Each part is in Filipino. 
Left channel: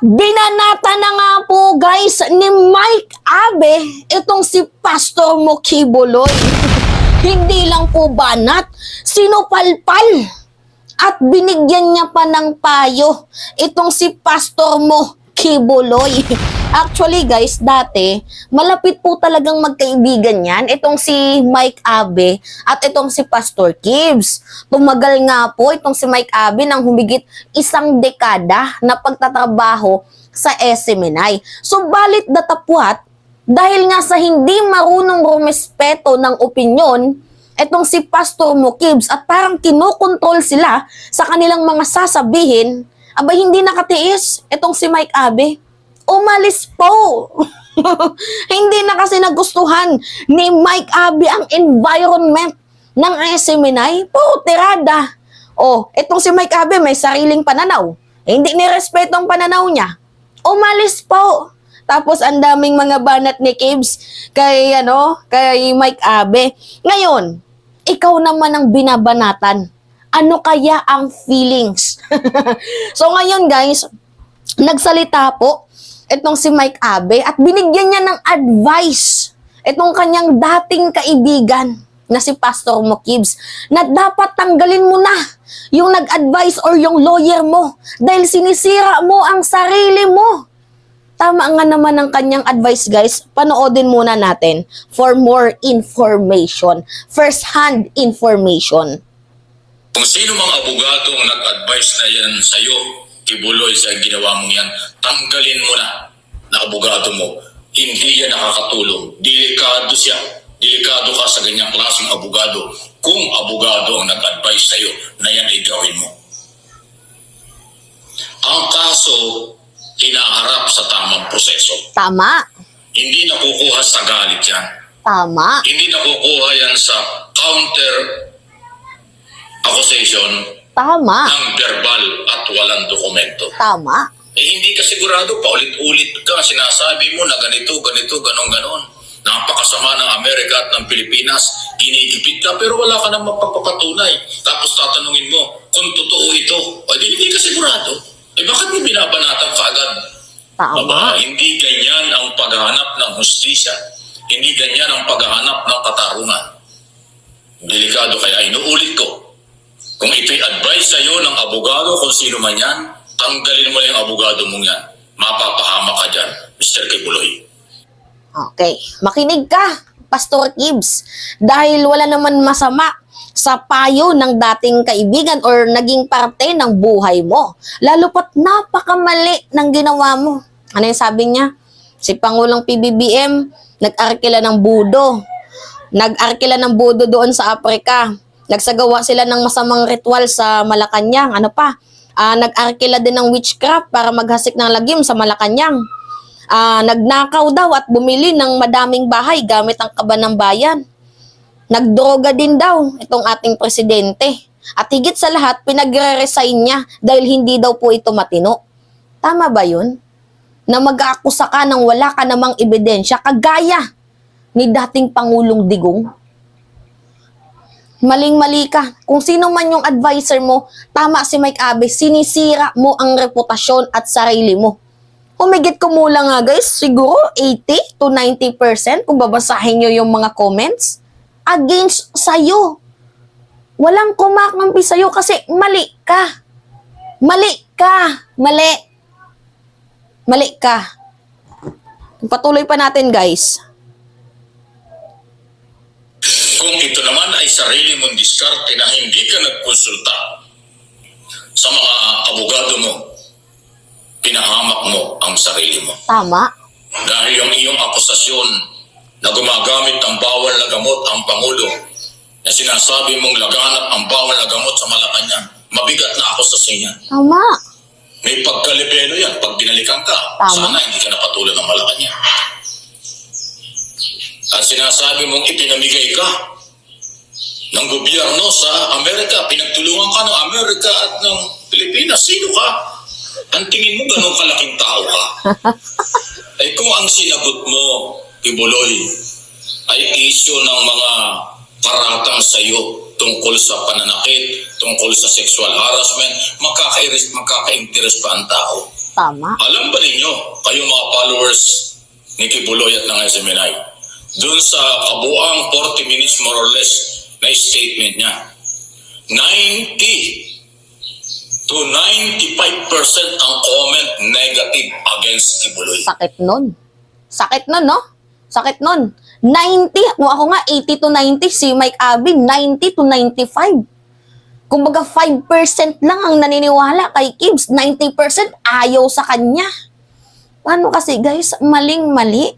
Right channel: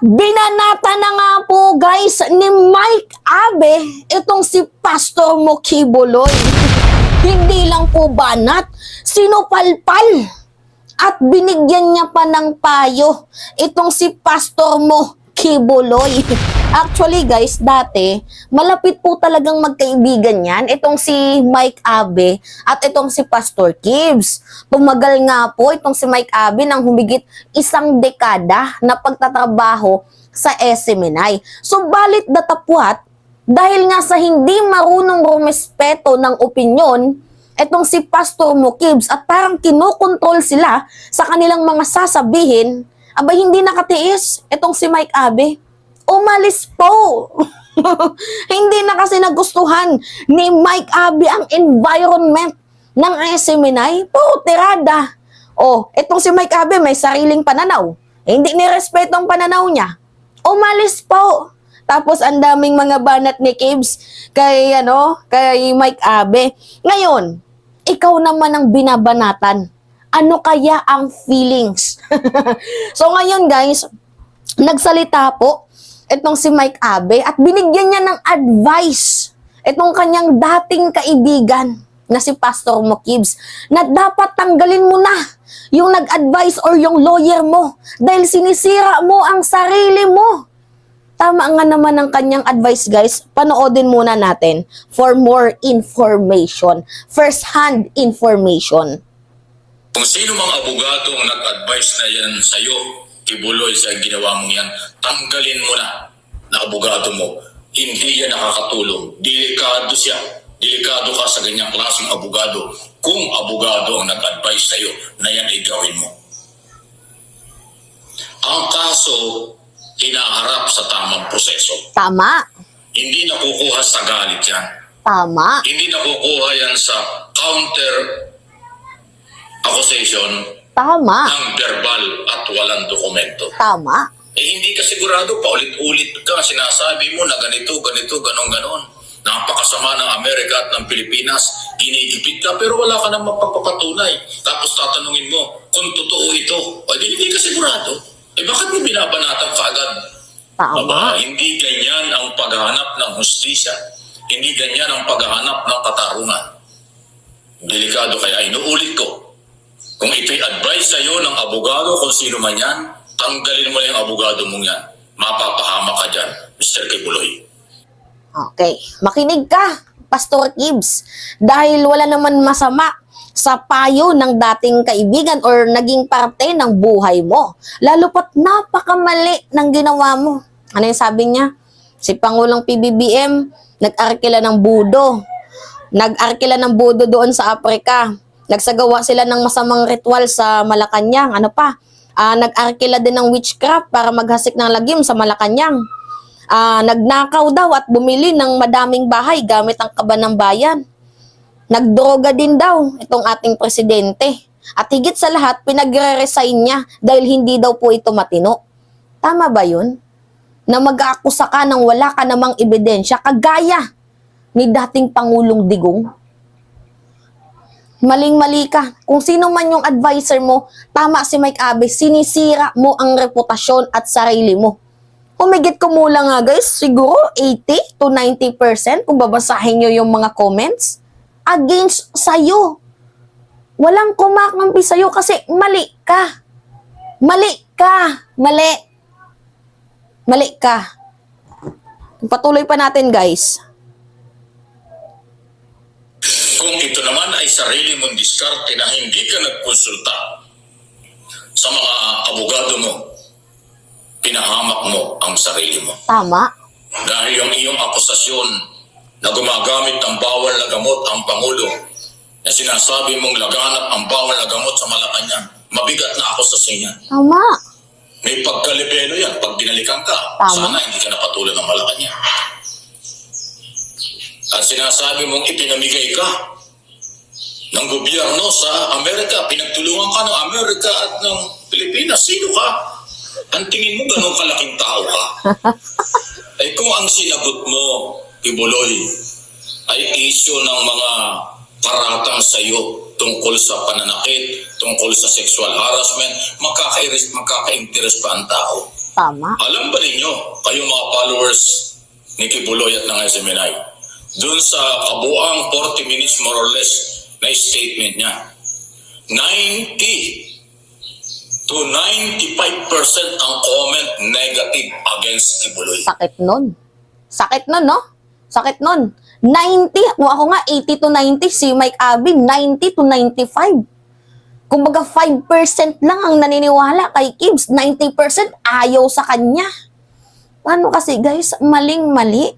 Binanata na nga po guys ni Mike Abe itong si Pastor Mo Kibuloy. Hindi lang po banat, sinupalpal at binigyan niya pa ng payo itong si Pastor Mo Kibuloy. Actually guys, dati malapit po talagang magkaibigan yan, itong si Mike Abe at itong si Pastor Kibs. Tumagal nga po itong si Mike Abe ng humigit 1 dekada na pagtatrabaho sa SMNI. Subalit datapwat, dahil nga sa hindi marunong rumespeto ng opinyon, itong si Pastor Mo Kibs at parang kinokontrol sila sa kanilang mga sasabihin, abay hindi nakatiis itong si Mike Abe. Umalis po. Hindi na kasi nagustuhan ni Mike Abe ang environment ng SMNI. Po, tirada. Itong si Mike Abe may sariling pananaw. Hindi nirespeto ang pananaw niya. Umalis po. Tapos ang daming mga banat ni Kibs kay Mike Abe. Ngayon, ikaw naman ang binabanatan. Ano kaya ang feelings? So ngayon guys, nagsalita po itong si Mike Abe at binigyan niya ng advice itong kanyang dating kaibigan na si Pastor Mo Kibs na dapat tanggalin mo na yung nag-advise or yung lawyer mo dahil sinisira mo ang sarili mo. Tama nga naman ang kanyang advice guys. Panoodin muna natin for more information. First-hand information. Kung sino mang abogado ang nag-advise na yan sa'yo, Kibuloy, sa ginawa mo yan, tanggalin mo na abogado mo. Hindi yan nakakatulong. Delikado siya. Delikado ka sa ganyang klaseng abogado kung abogado ang nag-advise sa'yo na yan ay gawin mo. Ang kaso, hinaharap sa tamang proseso. Tama. Hindi nakukuha sa galit yan. Tama. Hindi nakukuha yan sa counter accusation Tama. ng verbal at walang dokumento. Tama. Hindi ka sigurado, paulit-ulit ka, sinasabi mo na ganito, ganon. Napakasama ng Amerika at ng Pilipinas, inigipit ka, pero wala ka namang papapatunay. Tapos tatanungin mo, kung totoo ito, hindi ka sigurado. Bakit mo binabanatan ka agad? Tama. Hindi ganyan ang paghahanap ng hustisya. Hindi ganyan ang paghahanap ng katarungan. Delikado, kaya inuulit ko. Kung ito'y advice sa'yo ng abogado, kung sino man yan, tanggalin mo na yung abogado mong yan. Mapapahama ka dyan, Mr. Kibuloy. Okay, makinig ka, Pastor Kibs. Dahil wala naman masama sa payo ng dating kaibigan or naging parte ng buhay mo. Lalo pat napakamali ng ginawa mo. Ano yung sabi niya? Si Pangulong PBBM, nag-arkila ng budo. Nag-arkila ng budo doon sa Africa. Nagsagawa sila ng masamang ritual sa Malacanang. Nag-arkila din ng witchcraft para maghasik ng lagim sa Malacanang. Nagnakaw daw at bumili ng madaming bahay gamit ang kaba ng bayan. Nagdroga din daw itong ating presidente. At higit sa lahat, pinagre-resign niya dahil hindi daw po ito matino. Tama ba yun? Na mag-aakusa ka nang wala ka namang ebidensya kagaya ni dating Pangulong Digong? Maling-mali ka. Kung sino man yung advisor mo, tama si Mike Abe, sinisira mo ang reputasyon at sarili mo. Umigit kumulang nga guys, siguro 80 to 90% kung babasahin nyo yung mga comments, against sa'yo. Walang kumakampi sa'yo kasi mali ka. Mali ka. Mali. Mali ka. Patuloy pa natin guys. Kung ito naman ay sarili mong diskarte na hindi ka nagkonsulta sa mga abogado mo, pinahamak mo ang sarili mo. Tama. Dahil yung iyong akusasyon na gumagamit ng bawal na gamot ang Pangulo, na sinasabi mong laganap ang bawal na gamot sa Malacanang, mabigat na akusasyon yan. Tama. May pagkalibelo yan pag binalikan ka. Tama. Sana hindi ka napatulad ng Malacanang. At sinasabi mong ipinamigay ka ng gobyerno sa Amerika, pinagtulungan ka ng Amerika at ng Pilipinas. Sino ka? Ang tingin mo ganun kalaking tao ka? Kung ang sinagot mo, Kibuloy, ay isyo ng mga paratang sa'yo tungkol sa pananakit, tungkol sa sexual harassment, magkaka-interest pa ang tao. Tama. Alam ba ninyo, kayong mga followers ni Kibuloy at ng SMNI, dun sa kabuang 40 minutes more or less na statement niya, 90 to 95% ang comment negative against Kibuloy. Sakit nun. Sakit nun, no? Sakit nun. 90, kung ako nga 80 to 90, si Mike Abe 90 to 95. Kumbaga 5% lang ang naniniwala kay Kibs, 90% ayaw sa kanya. Paano kasi guys, maling-mali.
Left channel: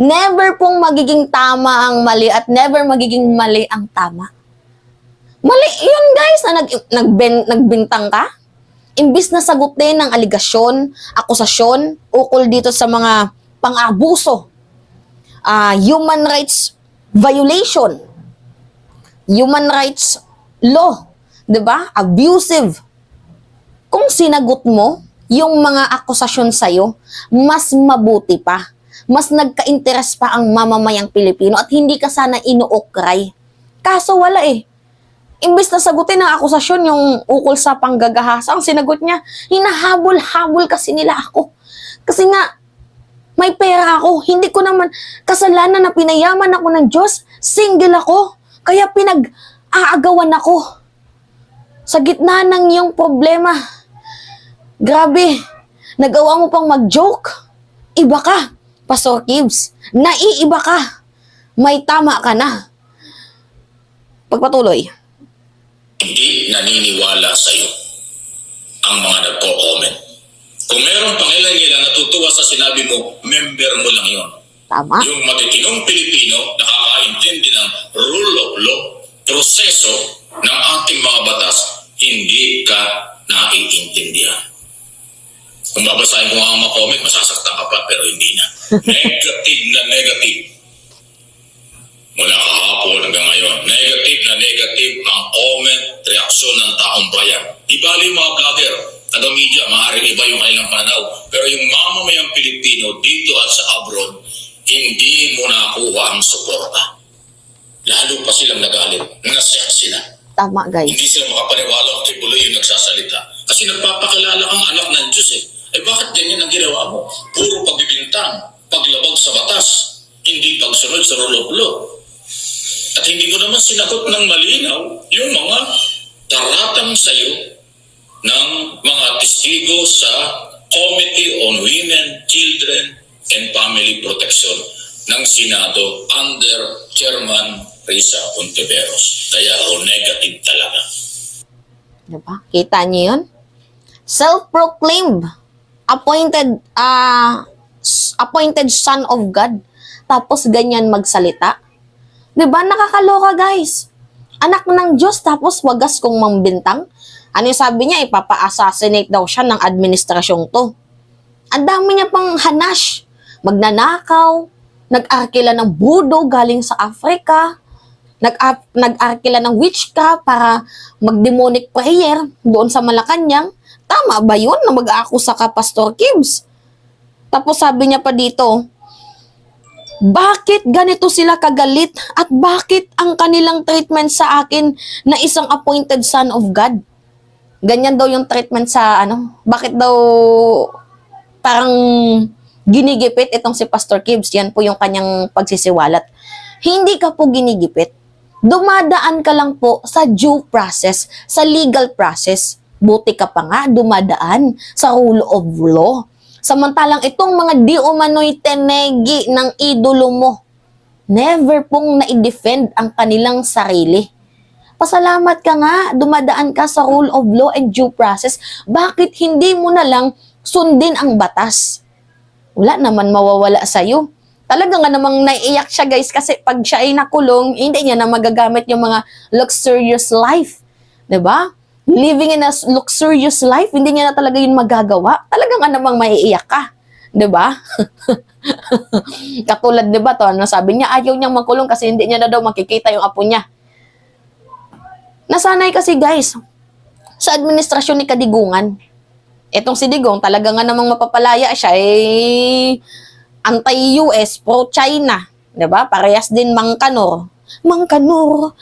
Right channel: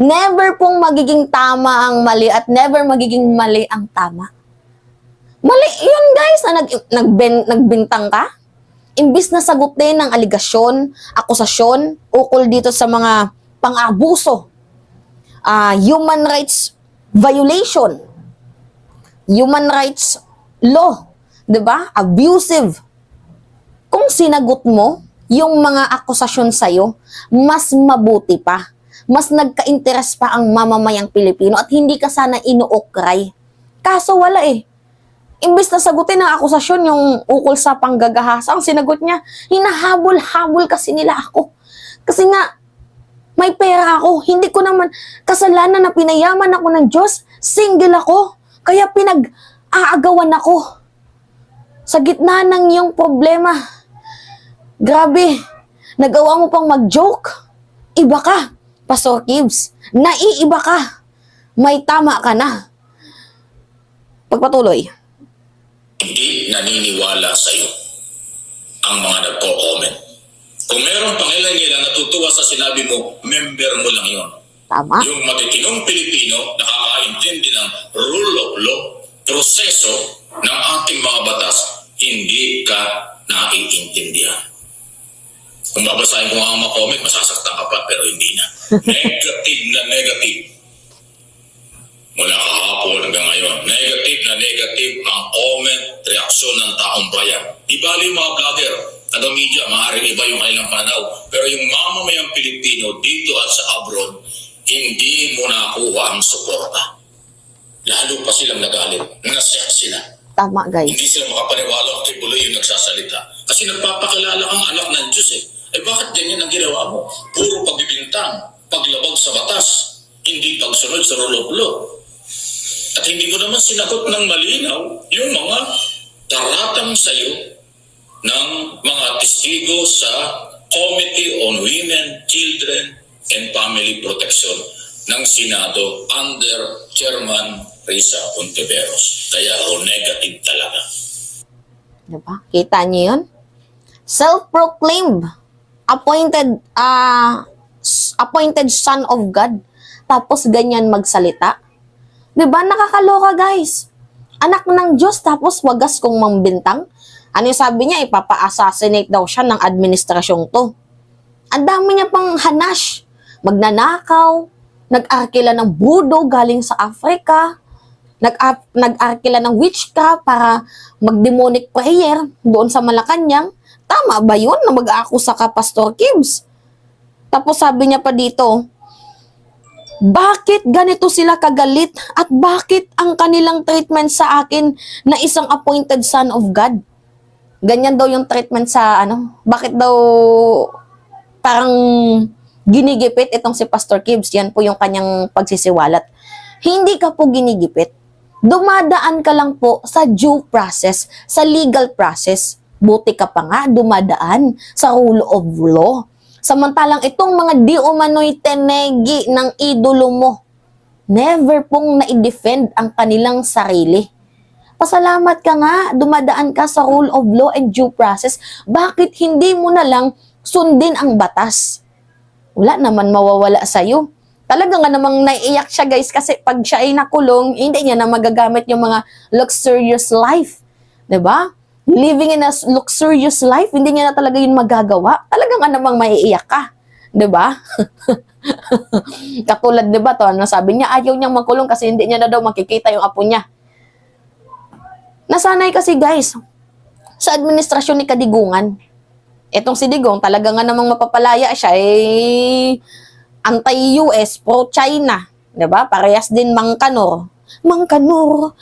Never pong magiging tama ang mali at never magiging mali ang tama. Mali yun guys, na nagbintang ka. Imbis na sagutin ng aligasyon, akusasyon, ukol dito sa mga pang-abuso, human rights violation, human rights law, 'di ba? Abusive. Kung sinagot mo yung mga akusasyon sa'yo, mas mabuti pa. Mas nagka-interes pa ang mamamayang Pilipino at hindi ka sana inuukray. Kaso wala eh. Imbes na sagutin ng akusasyon yung ukol sa panggagahasa, ang sinagot niya, hinahabol-habol kasi nila ako. Kasi nga, may pera ako. Hindi ko naman kasalanan na pinayaman ako ng Diyos. Single ako. Kaya pinag-aagawan ako. Sa gitna ng iyong problema. Grabe. Nagawa mo pang mag-joke. Iba ka, Pastor Kibs. Naiiba ka. May tama ka na. Pagpatuloy. Hindi naniniwala sa'yo ang mga nagko-comment. Kung meron pang ilan natutuwa sa sinabi mo, member mo lang yon. Tama. Yung matitinong Pilipino nakakaintindi ng rule of law, proseso ng ating mga batas, hindi ka naiintindihan. Kung babasahin ko ang mga comment, masasaktan ka pa, pero hindi na. Negative na negative. Mula kahapon hanggang ngayon, negative na negative ang comment, reaksyon ng taong bayan. Di bali yung mga vlogger, taga-media, maaaring iba yung kailang pananaw. Pero yung mamamayang Pilipino dito at sa abroad, hindi mo nakuha ang suporta. Lalo pa silang nagalit. Nasyak sila. Tama, guys. Hindi sila makapaniwala kung Kibuloy yung nagsasalita. Kasi nagpapakilala kang anak ng Diyos eh. Eh bakit ganyan ang ginawa mo? Puro pagbibintang, paglabag sa batas, hindi pagsunod sa rule of law. At hindi mo naman sinagot ng malinaw yung mga taratang sayo ng mga testigo sa Committee on Women, Children, and Family Protection ng Senado under Chairman Risa Ontiveros. Kaya negative talaga. Diba? Kita niyo yun? Self-proclaimed appointed son of God. Tapos ganyan magsalita. Diba? Nakakaloka guys. Anak ng Diyos tapos wagas kong mambintang. Ano yung sabi niya? Ipapa-assassinate daw siya ng administrasyong to. Ang dami niya pang hanash. Magnanakaw. Nag-arkila ng budo galing sa Africa. Nag-arkila ng witchcraft para mag-demonic prayer doon sa Malacanang. Tama ba yun na mag-aakusa ka, Pastor Kibs? Tapos sabi niya pa dito, bakit ganito sila kagalit at bakit ang kanilang treatment sa akin na isang appointed son of God? Ganyan daw yung treatment sa bakit daw parang ginigipit itong si Pastor Kibs. Yan po yung kanyang pagsisiwalat. Hindi ka po ginigipit. Dumadaan ka lang po sa due process, sa legal process. Buti ka pa nga dumadaan sa rule of law. Samantalang itong mga di umano'y tenegi ng idolo mo, never pong na-defend ang kanilang sarili. Pasalamat ka nga, dumadaan ka sa rule of law and due process. Bakit hindi mo na lang sundin ang batas? Wala naman mawawala sa'yo. Talaga nga namang naiiyak siya guys kasi pag siya ay nakulong, hindi niya na magagamit yung mga luxurious life. 'Di ba? Living in a luxurious life, hindi niya na talaga yun magagawa. Talaga nga namang maiiyak ka. 'Di ba? Katulad 'di ba to, sabi niya ayaw niyang makulong kasi hindi niya na daw makikita yung apo niya. Nasanay kasi guys sa administrasyon ni Kadigungan. Etong si Digong talaga nga namang mapapalaya siya anti-US, pro-China. 'Di ba? Parehas din mangkanor. Mangkanor.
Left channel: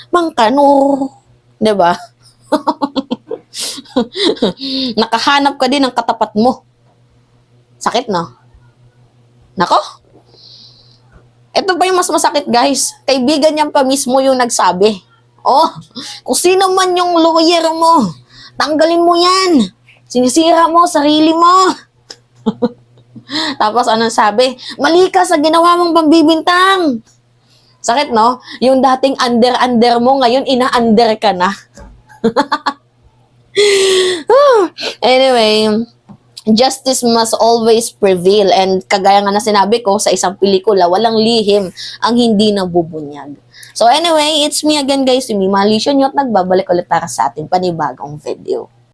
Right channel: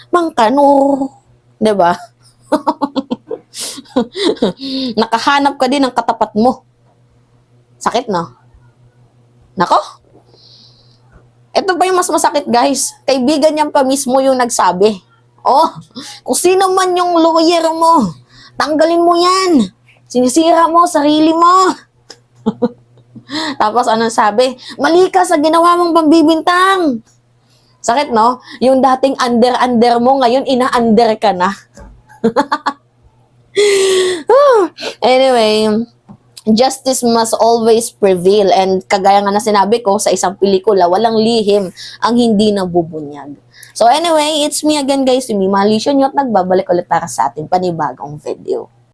'Di ba? Nakahanap ka din ng katapat mo. Sakit, no? Nako? Ito pa yung mas masakit, guys. Kaibigan niyan pa mismo yung nagsabi. Oh, kung sino man yung lawyer mo, tanggalin mo yan. Sinisira mo sarili mo. Tapos anong sabi? Mali ka sa ginawa mong pambibintang. Sakit, no? Yung dating under mo, ngayon ina-under ka na. Anyway, justice must always prevail, and kagaya nga na sinabi ko sa isang pelikula, walang lihim ang hindi nabubunyag. So anyway, it's me again guys, si Mima Alicia Nyot, nagbabalik ulit para sa ating panibagong video.